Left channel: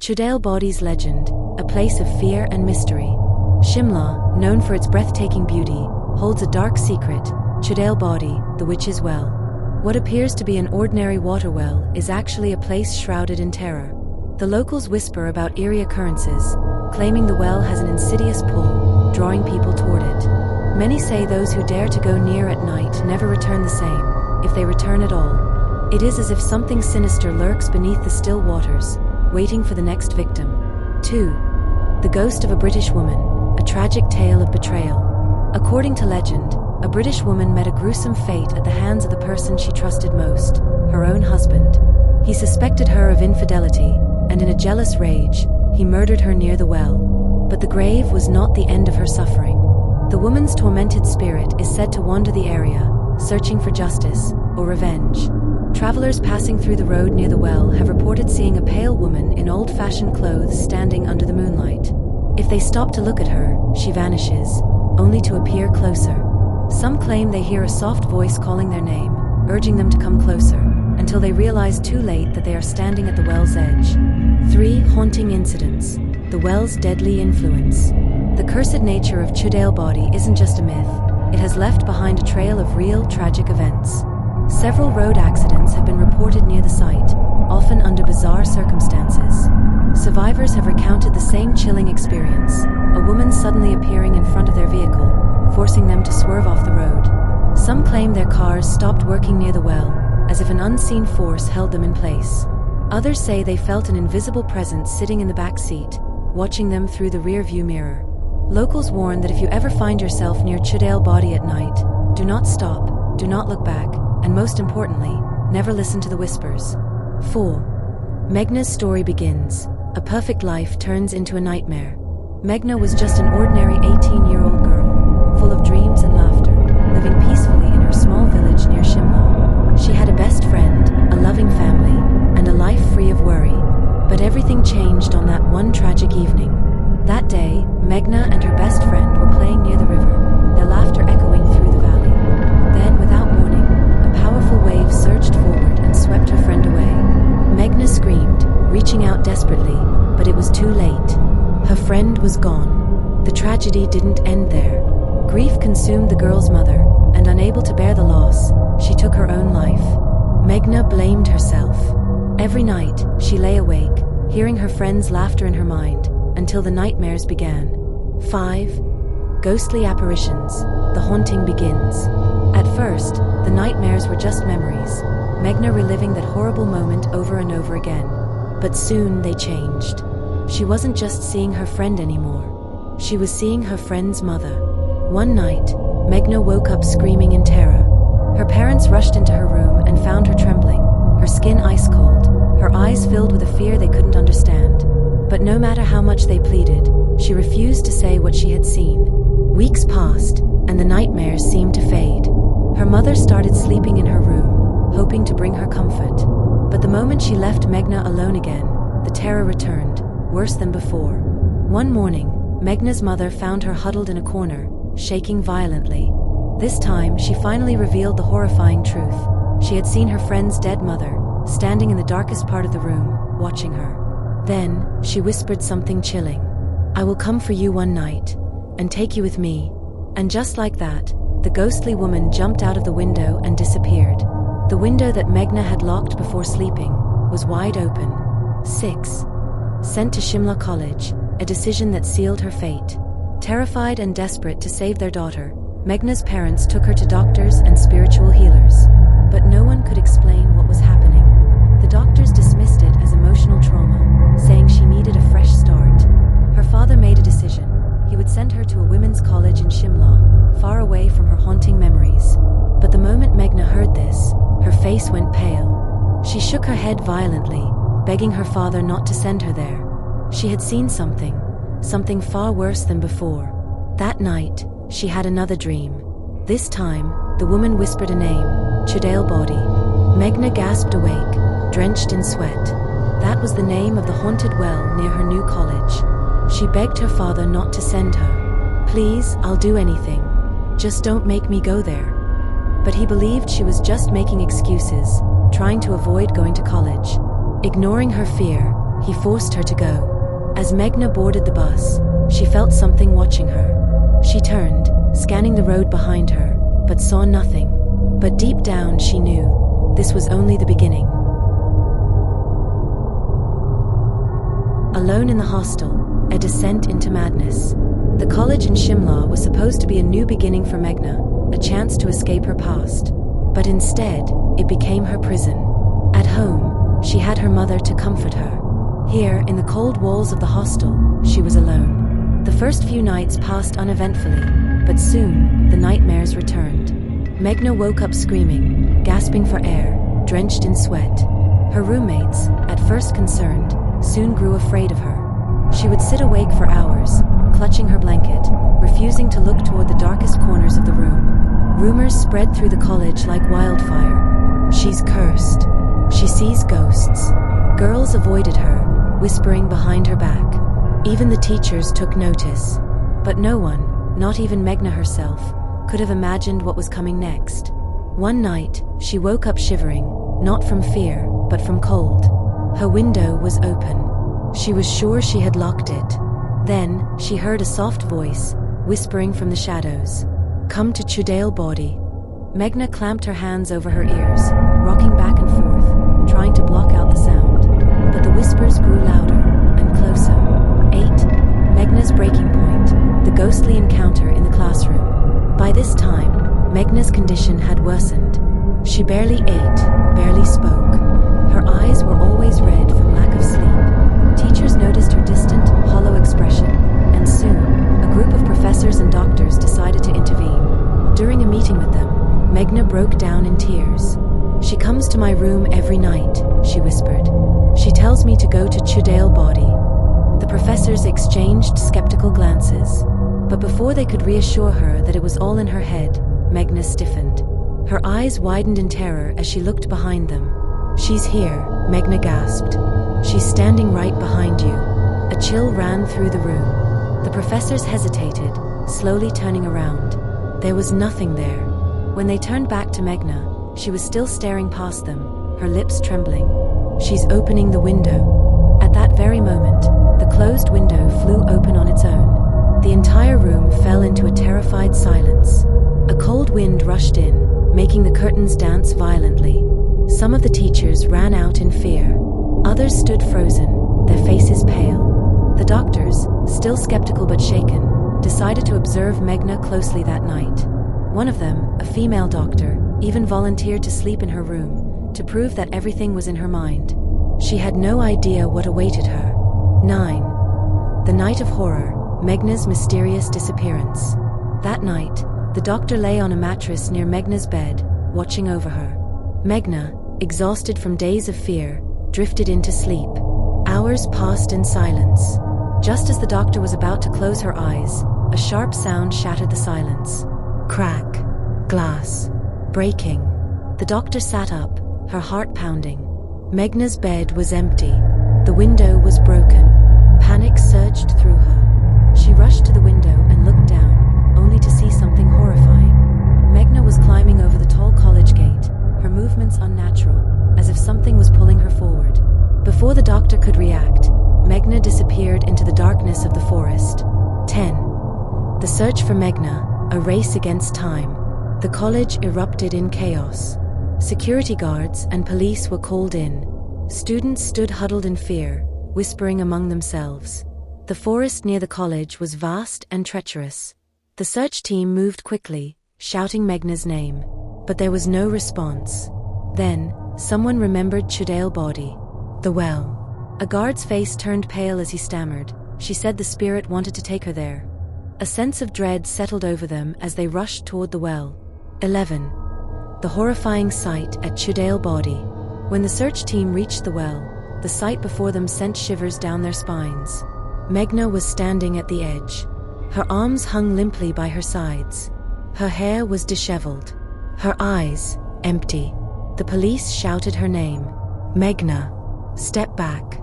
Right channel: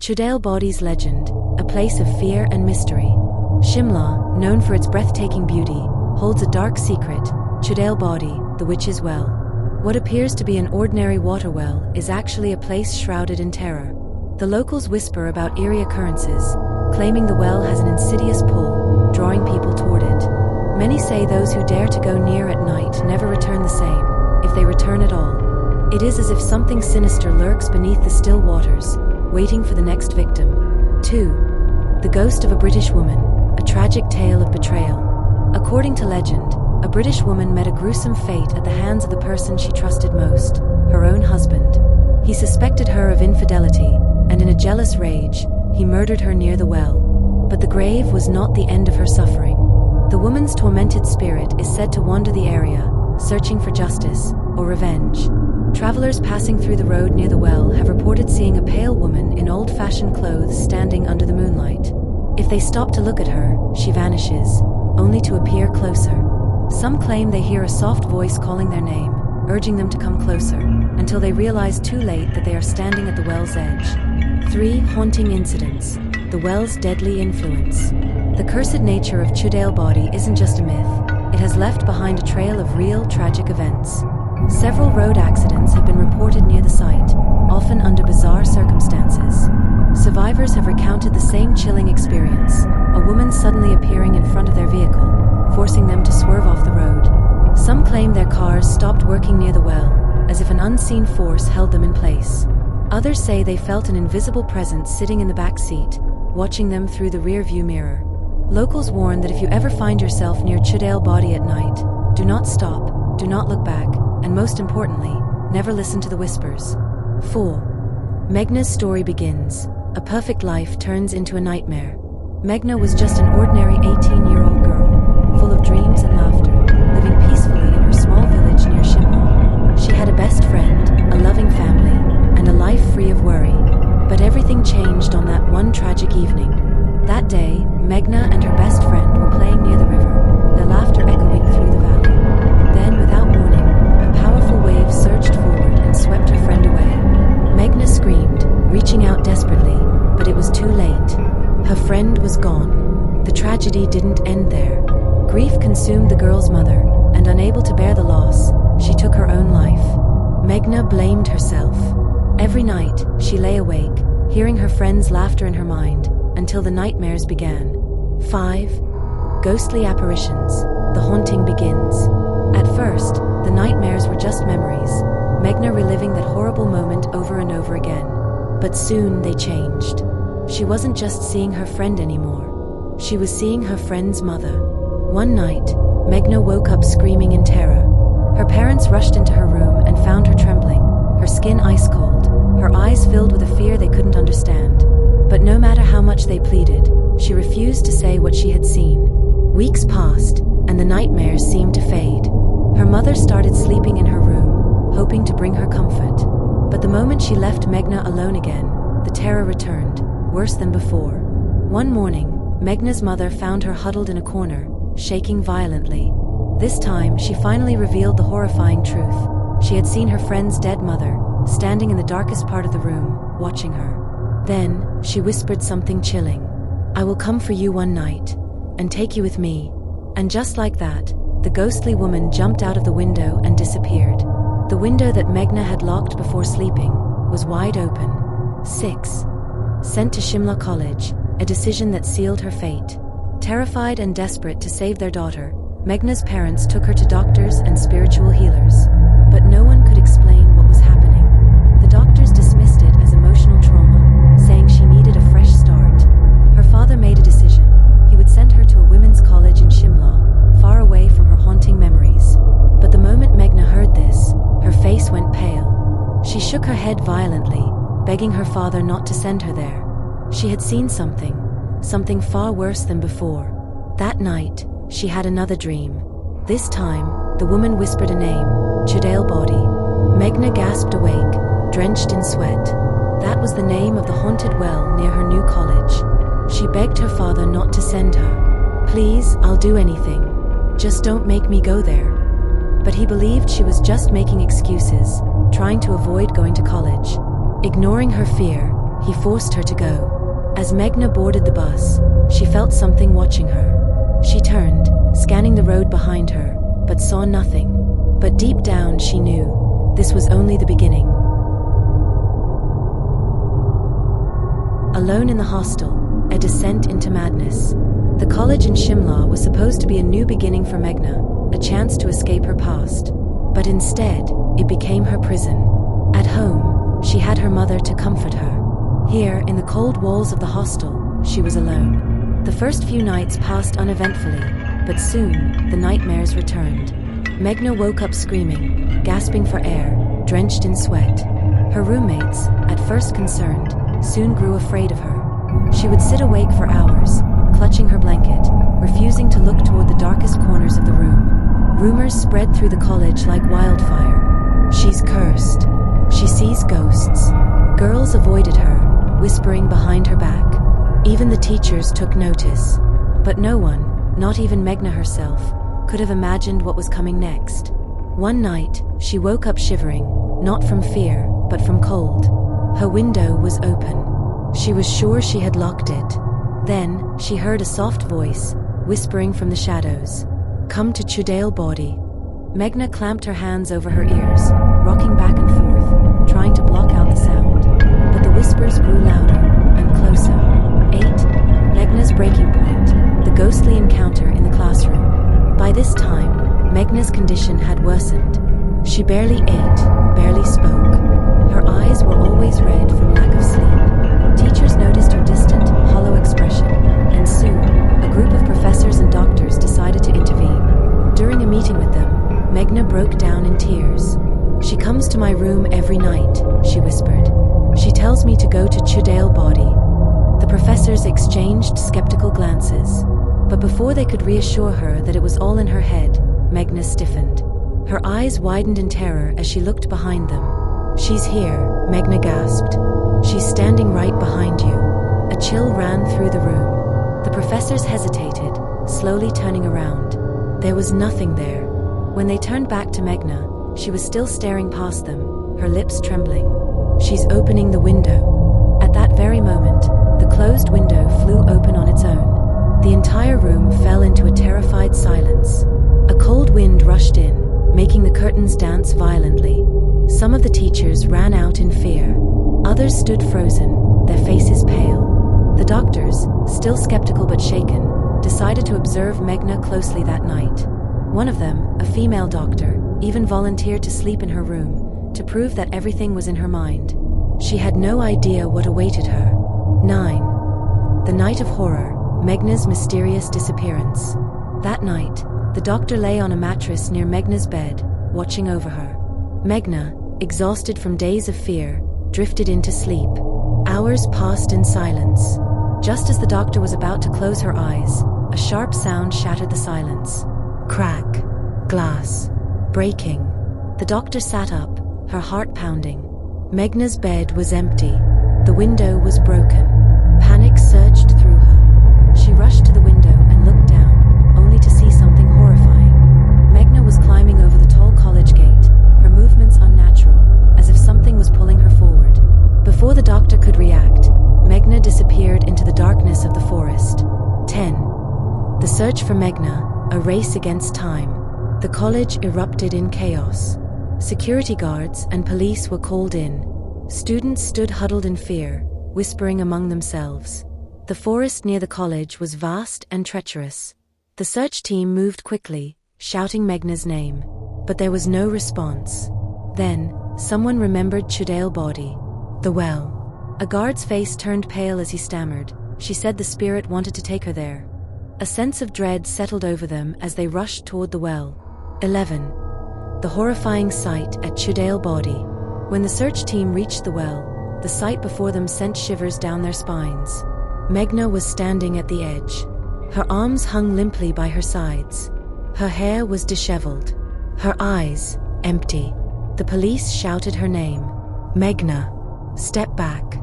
Chudale Bodi's legend, a place of fear and mystery. Shimla, known for its breathtaking beauty, holds a dark secret, Chudale Body, the witch's well. What appears to be an ordinary water well is actually a place shrouded in terror. The locals whisper about eerie occurrences, claiming the well has an insidious pull, drawing people toward it. Many say those who dare to go near at night never return the same, if they return at all. It is as if something sinister lurks beneath the still waters, waiting for the next victim. 2. The ghost of a British woman, a tragic tale of betrayal. According to legend, a British woman met a gruesome fate at the hands of the person she trusted most, her own husband. He suspected her of infidelity, and in a jealous rage, he murdered her near the well. But the grave was not the end of her suffering. The woman's tormented spirit is said to wander the area, searching for justice or revenge. Travelers passing through the road near the well have reported seeing a pale woman in old-fashioned clothes standing under the moonlight. If they stop to look at her, she vanishes, only to appear closer. Some claim they hear a soft voice calling their name, urging them to come closer, until they realize too late that they are standing at the well's edge. 3. Haunting incidents. The well's deadly influence. The cursed nature of Chudale Body isn't just a myth, it has left behind a trail of real, tragic events. Several road accidents have been reported near the site, often under bizarre circumstances. Survivors have recounted the same chilling experience, a woman suddenly appearing in front of their vehicle, forcing them to swerve off the road. Some claim their cars stopped working near the well, as if an unseen force held them in place. Others say they felt an invisible presence sitting in the back seat, watching them through the rear-view mirror. Locals warn that if you ever find yourself near Chudale Body at night, do not stop, do not look back, and most importantly, never listen to the whispers. 4. Meghna's story begins. A perfect life turns into a nightmare. Meghna was just an ordinary 18-year-old girl, full of dreams and laughter, living peacefully in her small village near Shimla. She had a best friend, a loving family, and a life free of worry. But everything changed on that one tragic evening. That day, Meghna and her best friend were playing near the river, their laughter echoing through the valley. Then, without warning, a powerful wave surged forward and swept her friend away. Meghna screamed, reaching out desperately, but it was too late. Her friend was gone. The tragedy didn't end there. Grief consumed the girl's mother, and unable to bear the loss, she took her own life. Meghna blamed herself. Every night, she lay awake, hearing her friend's laughter in her mind, until the nightmares began. 5. Ghostly apparitions. The haunting begins. At first, the nightmares were just memories, Meghna reliving that horrible moment over and over again. But soon they changed. She wasn't just seeing her friend anymore. She was seeing her friend's mother. One night, Meghna woke up screaming in terror. Her parents rushed into her room and found her trembling, her skin ice cold, her eyes filled with a fear they couldn't understand. But no matter how much they pleaded, she refused to say what she had seen. Weeks passed, and the nightmares seemed to fade. Her mother started sleeping in her room, hoping to bring her comfort. But the moment she left Meghna alone again, the terror returned, worse than before. One morning, Meghna's mother found her huddled in a corner, shaking violently. This time, she finally revealed the horrifying truth. She had seen her friend's dead mother, standing in the darkest part of the room, watching her. Then, she whispered something chilling. "I will come for you one night, and take you with me." And just like that, the ghostly woman jumped out of the window and disappeared. The window that Meghna had locked before sleeping was wide open. 6. Sent to Shimla College, a decision that sealed her fate. Terrified and desperate to save their daughter, Meghna's parents took her to doctors and spiritual healers. But no one could explain what was happening. The doctors dismissed it as emotional trauma, saying she needed a fresh start. Her father made a decision. He would send her to a women's college in Shimla, far away from her haunting memories. But the moment Meghna heard this, her face went pale. She shook her head violently, begging her father not to send her there. She had seen something far worse than before. That night, she had another dream. This time, the woman whispered a name, Chudale Body. Meghna gasped awake, drenched in sweat. That was the name of the haunted well near her new college. She begged her father not to send her. "Please, I'll do anything. Just don't make me go there." But he believed she was just making excuses, trying to avoid going to college. Ignoring her fear, He forced her to go. As Meghna boarded the bus, she felt something watching her. She turned, scanning the road behind her, but saw nothing. But deep down she knew this was only the beginning. Alone in the hostel, a descent into madness. The college in Shimla was supposed to be a new beginning for Meghna, a chance to escape her past. But instead, it became her prison. At home, she had her mother to comfort her. Here, in the cold walls of the hostel, she was alone. The first few nights passed uneventfully, but soon, the nightmares returned. Meghna woke up screaming, gasping for air, drenched in sweat. Her roommates, at first concerned, soon grew afraid of her. She would sit awake for hours, clutching her blanket, refusing to look toward the darkest corners of the room. Rumors spread through the college like wildfire. She's cursed. She sees ghosts. Girls avoided her, whispering behind her back. Even the teachers took notice. But no one, not even Meghna herself, could have imagined what was coming next. One night, she woke up shivering, not from fear, but from cold. Her window was open. She was sure she had locked it. Then, she heard a soft voice, whispering from the shadows. "Come to Chudale body." Meghna clamped her hands over her ears, rocking back and forth, trying to block out the sound. But the whispers grew louder, and closer. 8. Meghna's breaking point, the ghostly encounter in the classroom. By this time, Meghna's condition had worsened. She barely ate, barely spoke. Her eyes were always red from lack of sleep. Teachers noticed her distant, hollow expression, and soon, a group of professors and doctors decided to intervene. During a meeting with them, Meghna broke down in tears. "She comes to my room every night," she whispered. "She tells me to go to Chudale body." The professors exchanged skeptical glances. But before they could reassure her that it was all in her head, Meghna stiffened. Her eyes widened in terror as she looked behind them. "She's here," Meghna gasped. "She's standing right behind you." A chill ran through the room. The professors hesitated, slowly turning around. There was nothing there. When they turned back to Meghna, she was still staring past them, her lips trembling. "She's opening the window." At that very moment, the closed window flew open on its own. The entire room fell into a terrified silence. A cold wind rushed in, making the curtains dance violently. Some of the teachers ran out in fear. Others stood frozen, their faces pale. The doctors, still skeptical but shaken, decided to observe Meghna closely that night. One of them, a female doctor, even volunteered to sleep in her room, to prove that everything was in her mind. She had no idea what awaited her. 9. The night of horror, Meghna's mysterious disappearance. That night, the doctor lay on a mattress near Meghna's bed, watching over her. Meghna, exhausted from days of fear, drifted into sleep. Hours passed in silence. Just as the doctor was about to close her eyes, a sharp sound shattered the silence. Crack. Glass. Breaking. The doctor sat up, her heart pounding. Meghna's bed was empty. The window was broken. Panic surged through her. She rushed to the window and looked down, only to see something horrifying. Meghna was climbing over the tall college gate, her movements unnatural, as if something was pulling her forward. Before the doctor could react, Meghna disappeared into the darkness of the forest. 10. The search for Meghna, a race against time. The college erupted in chaos. Security guards and police were called in. Students stood huddled in fear, whispering among themselves. The forest near the college was vast and treacherous. The search team moved quickly, shouting Meghna's name. But there was no response. Then, someone remembered Chudale body. The well. A guard's face turned pale as he stammered. She said the spirit wanted to take her there. A sense of dread settled over them as they rushed toward the well. 11. The horrifying sight at Chudale body. When the search team reached the well, the sight before them sent shivers down their spines. Meghna was standing at the edge. Her arms hung limply by her sides. Her hair was disheveled. Her eyes, empty. The police shouted her name. "Meghna, step back."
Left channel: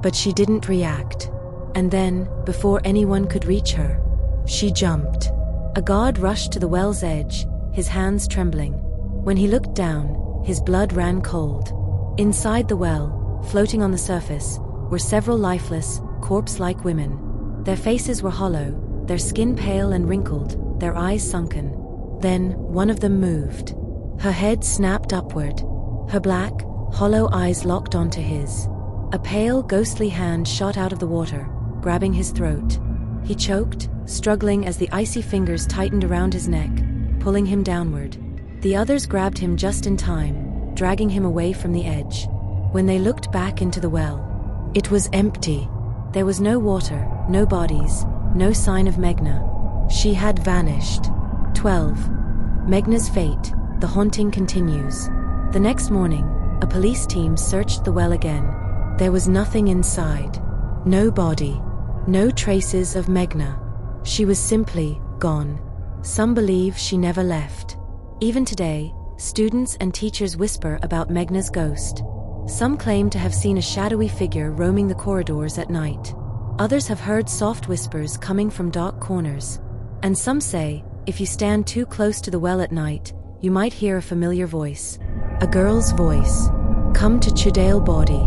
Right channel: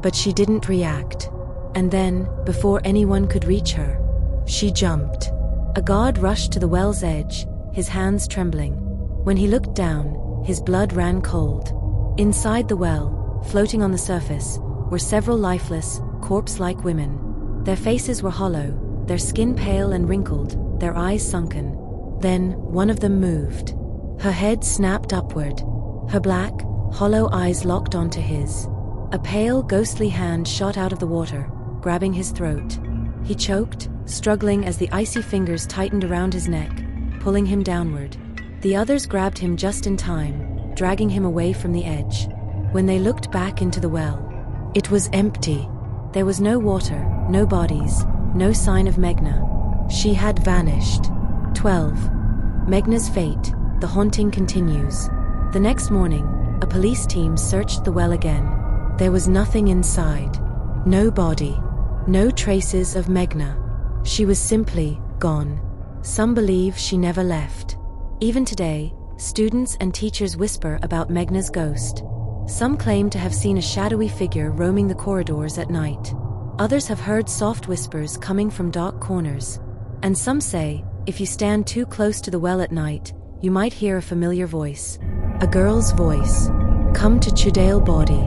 But she didn't react. And then, before anyone could reach her, she jumped. A guard rushed to the well's edge, his hands trembling. When he looked down, his blood ran cold. Inside the well, floating on the surface, were several lifeless, corpse-like women. Their faces were hollow, their skin pale and wrinkled, their eyes sunken. Then, one of them moved. Her head snapped upward. Her black, hollow eyes locked onto his. A pale, ghostly hand shot out of the water, grabbing his throat. He choked, struggling as the icy fingers tightened around his neck, pulling him downward. The others grabbed him just in time, dragging him away from the edge. When they looked back into the well, it was empty. There was no water, no bodies, no sign of Meghna. She had vanished. 12. Meghna's fate. The haunting continues. The next morning, a police team searched the well again. There was nothing inside. No body. No traces of Meghna. She was simply gone. Some believe she never left. Even today, students and teachers whisper about Meghna's ghost. Some claim to have seen a shadowy figure roaming the corridors at night. Others have heard soft whispers coming from dark corners. And some say, if you stand too close to the well at night, you might hear a familiar voice. A girl's voice. Come to Chudale Body.